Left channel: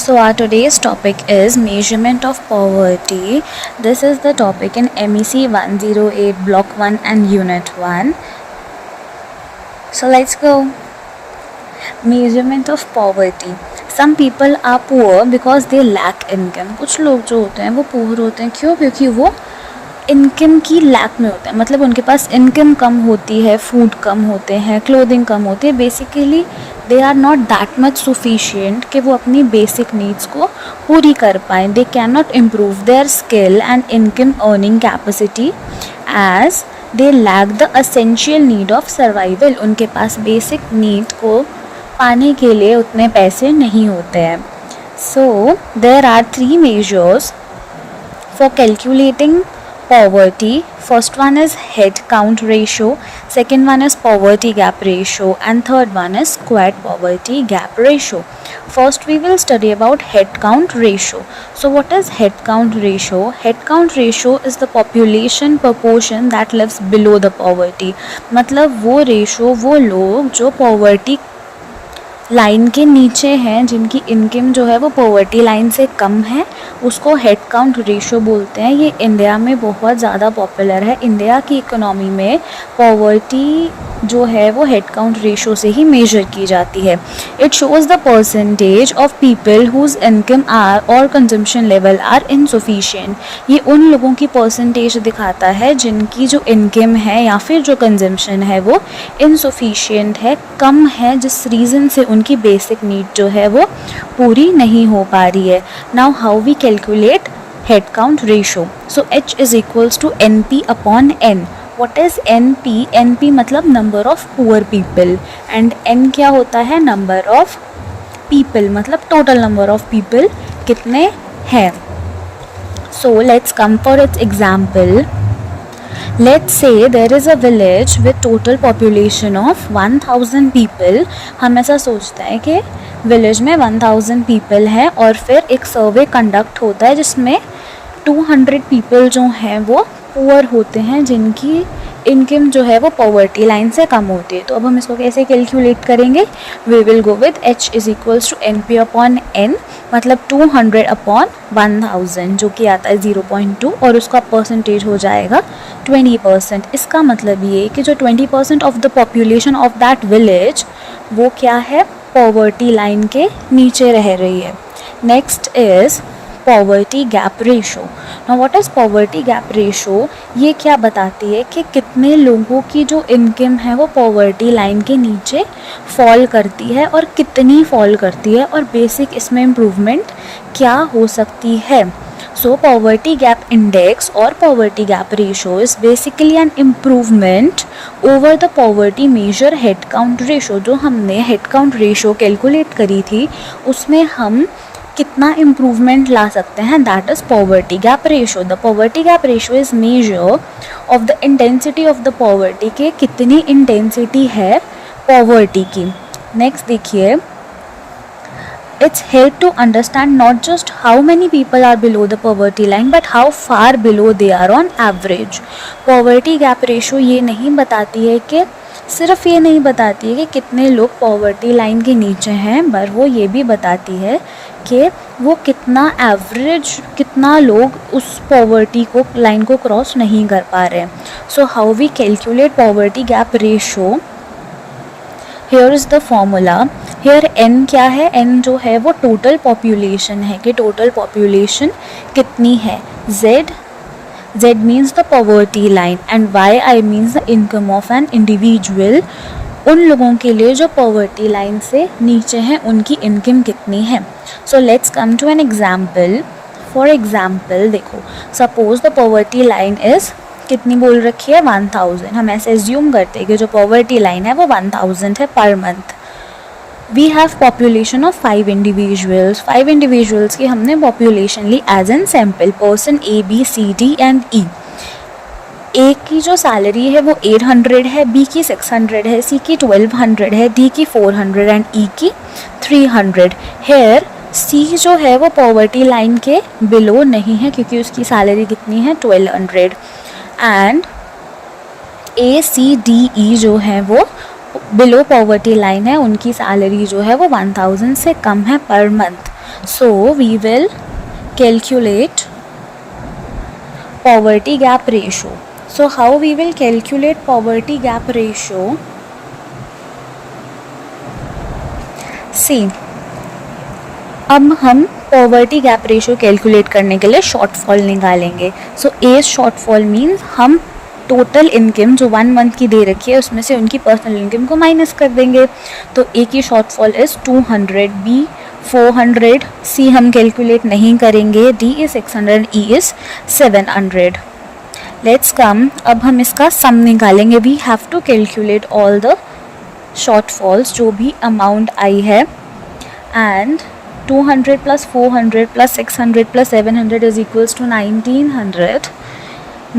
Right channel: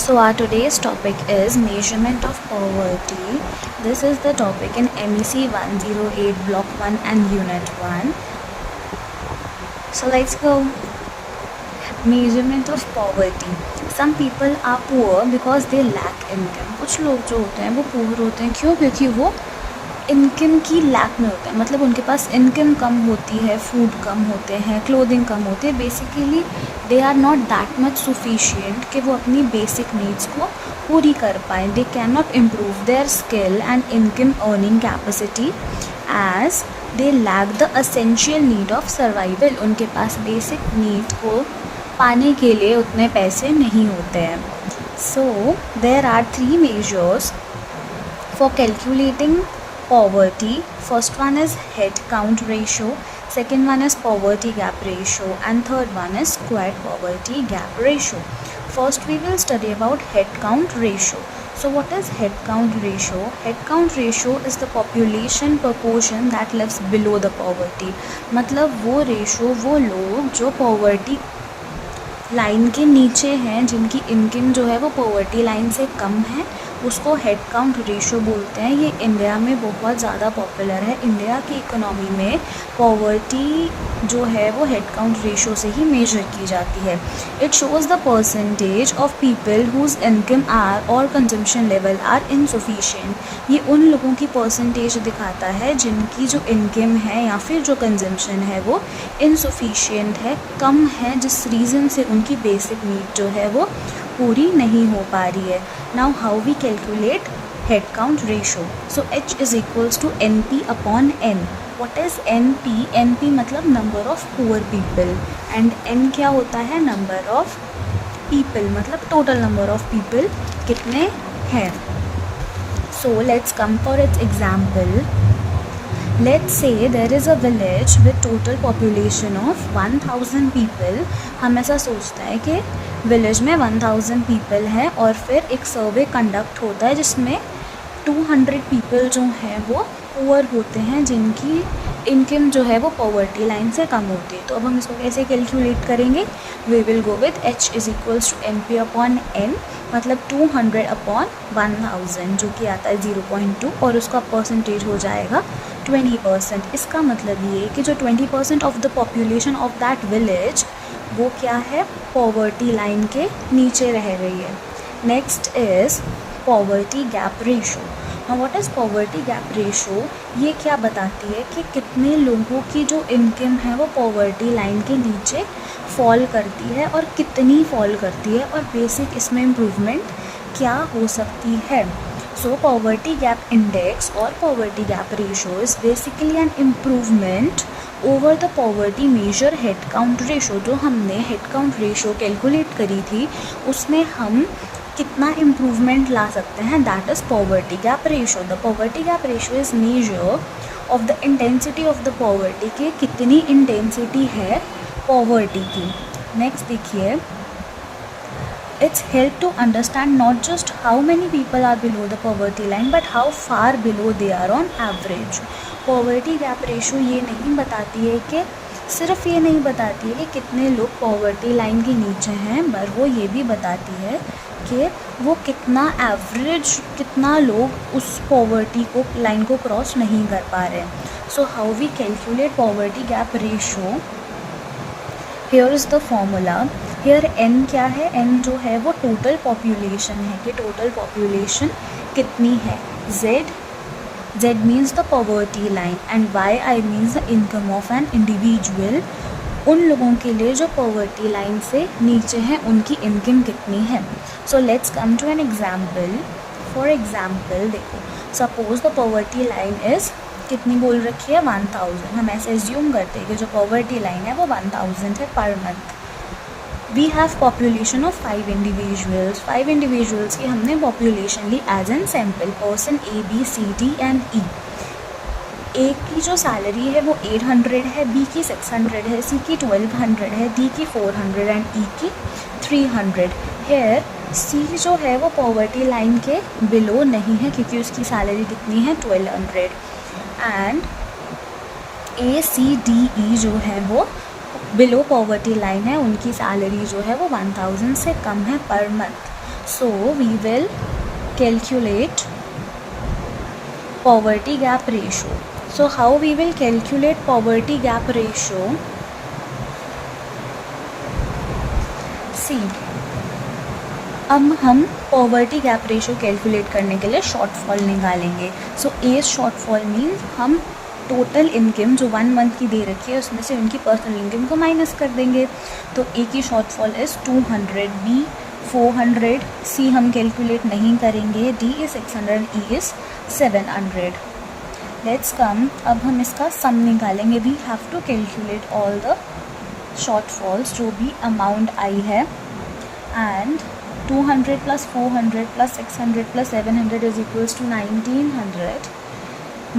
So our today's topic is measurement of poverty. This is the topic in MEC 108 Block 1 and Unit 1. So let's go. Measurement of poverty. Some people are poor because they lack income. कुछ लोग जो होते हैं वो poor होते हैं क्यों? क्योंकि वो इनकम की लैक में होता है, मतलब उनके पास इनकम कम होती है, फूड कम होते हैं, क्लोथिंग कम होती है. Basically they are not that much sufficient कि वो अपनी बेसिक नीड्स को पूरी कर पाएँ. They can not improve their skill and income earning capacity as they lack the essential need of survival. उनके पास बेसिक नीड को पाने के लिए उतने पैसे नहीं होते हैं. So there are 3 measures for calculating poverty. First one is head count ratio, second one is poverty gap ratio, and third one is squared poverty gap ratio. First we will study about head count ratio. So what is head count ratio? Head count ratio is the population proportion that lives below the poverty. मतलब वो ratio वो लोग जो poverty line के नीचे हैं, जिनकी income जो है वो पॉवर्टी लाइन से कम है, उसको हेड काउंट रेशो बोलते हैं. ये इंडिया में बहुत ज़्यादा पॉपुलर है. इंडिया की इकोनॉमी में पॉवर्टी जो है वो हेड काउंट रेशो से ही मेजर की जाती है. It shows the percentage of people whose income are और कंजम्पशन लेवल आर इनसफिशिएंट. ये उन लोगों की परसेंटेज दिखाता है जिनकी जो इनकम है या फिर जो कंजम्पशन है वो इनसफिशिएंट है, कम है, जिस रीज़न से उनकी बेसिक नीड जो है वो पूरी नहीं हो पा रही है. Now how we calculate head count ratio. So H is equals to NP upon N. What is NP? NP मतलब number of poor people and N क्या होता है? नंबर ऑफ पीपल, मतलब टोटल नंबर ऑफ पीपल कितने हैं. So let's come for its example. Let's say there is a village with total population of 1000 people. हम ऐसा सोचते हैं कि विलेज में 1000 पीपल हैं और फिर एक सर्वे कंडक्ट होता है जिसमें 200 पीपल जो हैं वो पुअर होते हैं, जिनकी इनकम जो है वो पॉवर्टी लाइन से कम होती है. तो अब हम इसको कैसे कैलकुलेट करेंगे? We will go with H is equals to NP upon N, मतलब 200 अपॉन 1000 जो कि आता है 0.2 और उसका परसेंटेज हो जाएगा 20%. इसका मतलब ये कि जो 20% of the population of that village वो क्या है? पॉवर्टी लाइन के नीचे रह रही है. Next is poverty gap ratio. Now what is poverty gap ratio? ये क्या बताती है कि कितने लोगों की जो इनकम है वो पॉवर्टी लाइन के नीचे फॉल करती है और कितनी फॉल करती है और बेसिक इसमें इम्प्रूवमेंट क्या हो सकती है. So poverty gap index or poverty gap ratio is basically an improvement over the poverty measure head count ratio. जो हमने head count ratio कैलकुलेट करी थी उसमें हम कितना इम्प्रूवमेंट ला सकते हैं, that is poverty gap ratio. The poverty gap ratio is measure of the intensity of the poverty के कितनी इंटेंसिटी है पॉवर्टी की. नेक्स्ट देखिए, it's help to understand not just how many people are below the poverty line but how far below they are on average. poverty gap ratio ये नहीं बताती है कि सिर्फ ये नहीं बताती है कि कितने लोग पॉवर्टी लाइन के नीचे हैं, पर वो ये भी बताती है कि वो कितना एवरेज, कितना लोग उस पॉवर्टी को लाइन को क्रॉस नहीं कर पा रहे हैं. So how we calculate poverty gap ratio? Here is the formula. Here N क्या है? N जो है वो टोटल पॉपुलेशन है कि टोटल पॉपुलेशन कितनी है. Z means the poverty line and YI means the income of an individual. उन लोगों के लिए जो पॉवर्टी लाइन से नीचे हैं उनकी इनकम कितनी है. So let's come to an example. For example देखो, suppose the poverty line is कितनी बोल रखी है? 1000. हम ऐसे एज्यूम करते हैं कि जो पॉवर्टी लाइन है वो 1000 है per month. We have population of 5 individuals. 5 individuals की हमने पॉपुलेशन ली as an sample, person A B C D and E. A की जो सैलरी है वो 800 है, B की 600 है, C की 1200 है, D की 400 एंड E की 300. हेयर C जो है वो पॉवर्टी लाइन के बिलो नहीं है क्योंकि उसकी सैलरी कितनी है? 1200. And A C D E जो है वो बिलो पॉवर्टी लाइन है, उनकी सैलरी जो है वो 1000 से कम है per month. So we will calculate poverty gap ratio. So how we will calculate poverty gap ratio? See, अब हम पॉवर्टी गैप रेशियो कैलकुलेट करने के लिए शॉर्टफॉल निकालेंगे. सो एज शॉर्टफॉल मीन्स हम टोटल इनकम जो 1 मंथ की दे रखी है उसमें से उनकी पर्सनल इनकम को माइनस कर देंगे. तो ए की शॉर्टफॉल इज़ 200, बी 400, सी हम कैलकुलेट नहीं करेंगे, D is 600, E is 700. Let's come, अब हम इसका सम निकालेंगे. We have to calculate all the shortfalls जो भी अमाउंट आई है, and 200 plus 400 plus 600 plus 700 is equals to 1900.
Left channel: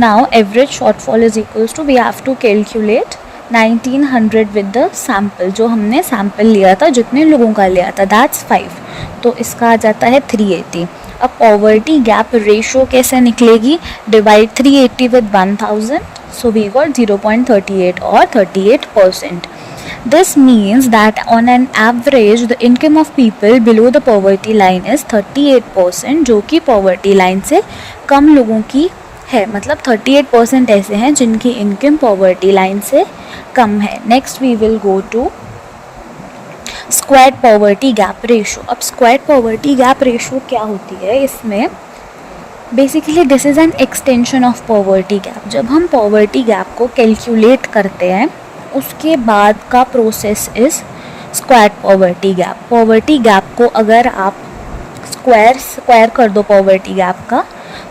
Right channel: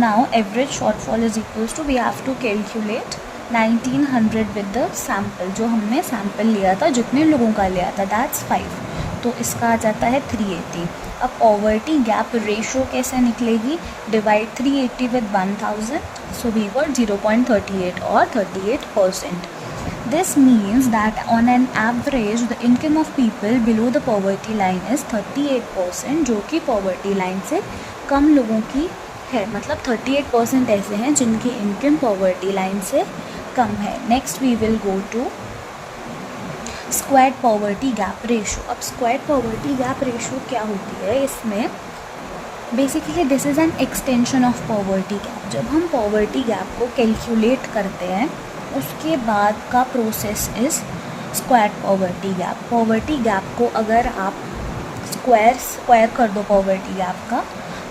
Now average shortfall is equals to, we have to calculate 1900 with the sample, जो हमने सैम्पल लिया था, जितने लोगों का लिया था, दैट्स 5. तो इसका आ जाता है 380. अब पॉवर्टी गैप रेशो कैसे निकलेगी? Divide 380 with 1000, so we got 0.38 और 38%. This means that on an average the income of people below the poverty line is 38%, जो कि poverty line से कम लोगों की है. मतलब 38% ऐसे हैं जिनकी इनकम poverty line से कम है. Next we will go to squared poverty gap ratio. अब squared poverty gap ratio क्या होती है? इसमें basically this is an extension of poverty gap. जब हम पॉवर्टी गैप को कैलकुलेट करते हैं उसके बाद का process is square poverty gap. Poverty gap को अगर आप स्क्वायर कर दो पॉवर्टी गैप का,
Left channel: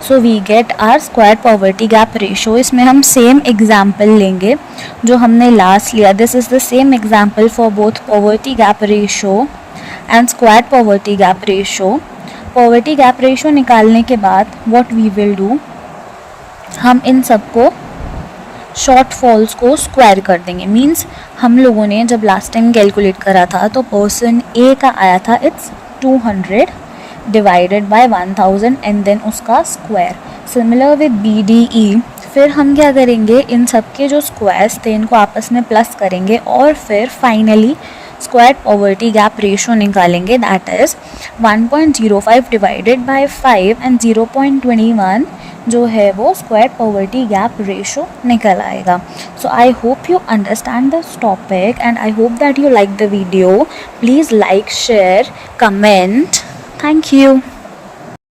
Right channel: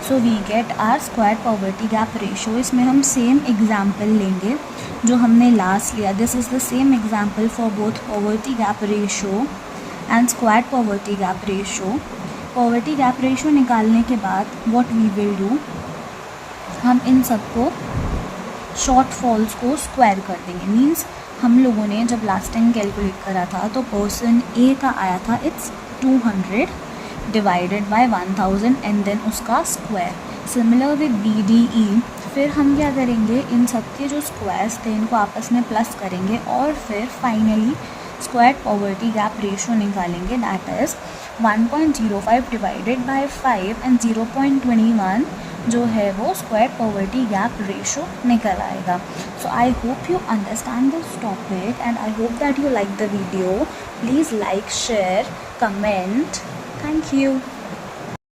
so we get our square poverty gap ratio. इसमें हम सेम एग्जाम्पल लेंगे जो हमने लास्ट लिया. This is the same example for both poverty gap ratio and square poverty gap ratio. Poverty gap ratio निकालने के बाद व्हाट वी विल डू, हम इन सबको शॉर्टफॉल्स को स्क्वायर कर देंगे. मीन्स हम लोगों ने जब लास्ट टाइम कैलकुलेट करा था तो पर्सन ए का आया था it's 200 divided by 1000 and then उसका square. Similar with B D E. फिर हम क्या करेंगे, इन सब के जो स्क्वायर्स थे इनको आपस में प्लस करेंगे और फिर finally square poverty gap ratio निकालेंगे. That is 1.05 divided by 5 and 0.21 जो है वो स्क्वायर पॉवर्टी गैप रेशो निकल आएगा. So I hope you understand this topic and I hope that you like the video. Please like, share, comment. Thank you.